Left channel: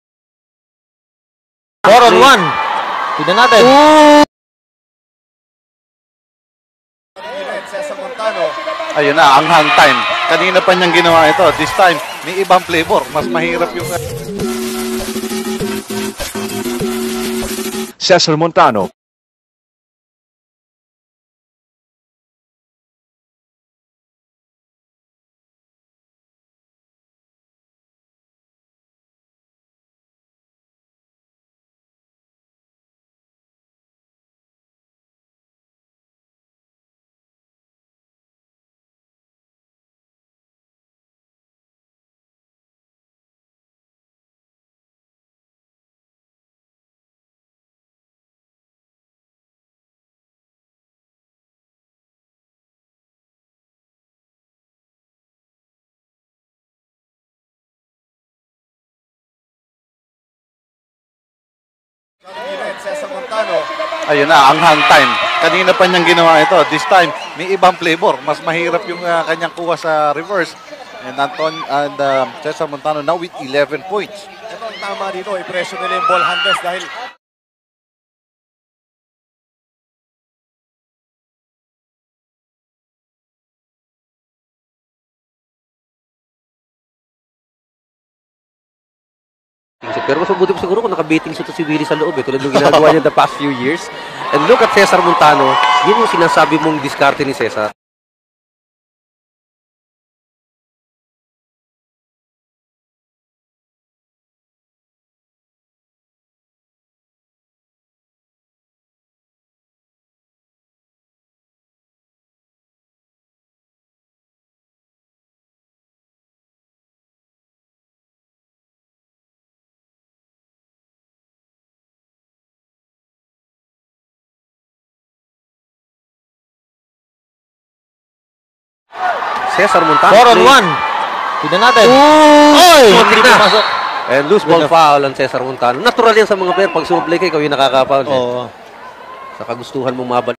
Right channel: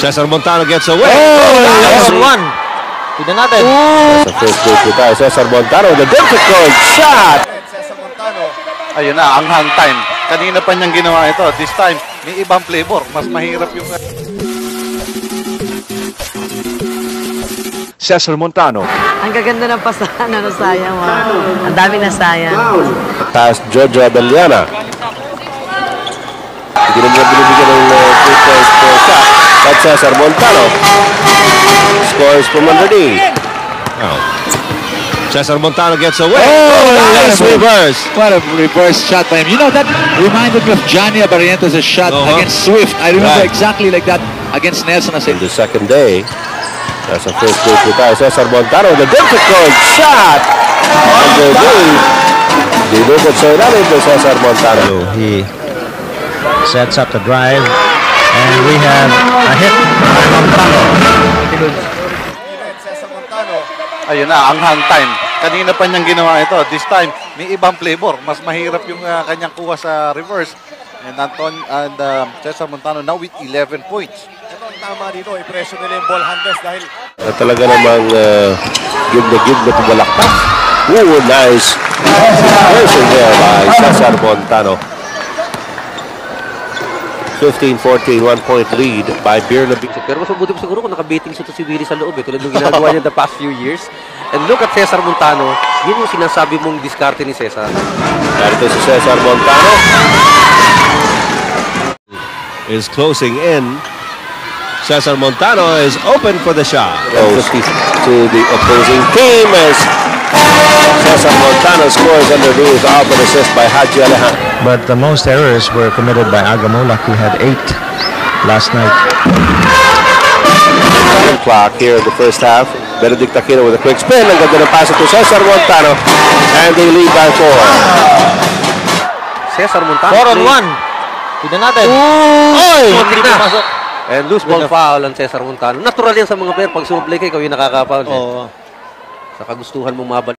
Cesar Montano gets away. Oh, 4-on-1. Tignan natin. Sa first break po tayo. Cesar Montano with a difficult shot. Cesar Montano. Ayun na, ang hang time. Kanina pa niyang ginawa ito. This time, may ibang flavor. Mas mahirap yung... Cesar Montano. Ang gaganda ng pasahan, sayang. Wow. Ang dami na sayang. Taas Jojo Abellana. Hindi na niya binibigyan ng free throws per shot. At Cesar Montano scores from underneath. Cesar Montano gets away. Nice reverse. What a reverse shot by him. You know, that reminded me of Johnny Barrientos' shot against Swift. I remember exactly like that against Nelson. In the second day, that's a first break with tayo. Cesar Montano with a difficult shot. Underneath. Dinukot sa ilalim to Cesar Montano. He sets up the drive, and we have a hit by Montano. Cesar Montano. Ayun na, ang hang time. Kanina pa niyang ginawa ito. This time, may ibang flavor. Mas mahirap yung kanyang kuha sa reverse. And Cesar Montano now with 11 points. Ito ang tama dito. I-pressure nila yung ball handlers dahil Talaga namang give na pumalakpak. Ooh, nice version there by Cesar Montano. 15-14, 1-point lead by Birnabing. Pero mas mabuti pa siguro kung nakabating siya si Willie sa loob tulad ng ginagawa niya the past few years. And look at Cesar Montano, yun yung sinasabi mong diskarte ni Cesar. Narito si Cesar Montano. Is closing in. Cesar Montano is open for the shot. Goes to the opposing team as Cesar Montano scores underneath off an assist by Haji Alejandro. But the most errors were committed by Agamulak, who had 8 last night. Clock here in the first half. Benedict Aquino with a quick spin. Ang ganda ng pass to Cesar Montano. And they lead by 4. Cesar Montano. 4-on-1. Tignan natin. Oy! Hindi pumasok. And loose ball foul ang Cesar Montano. Natural yan sa mga player. Pag sumuplay ka, ikaw yung nakaka-foul. Oo. Sa kagustuhan mong mabalik.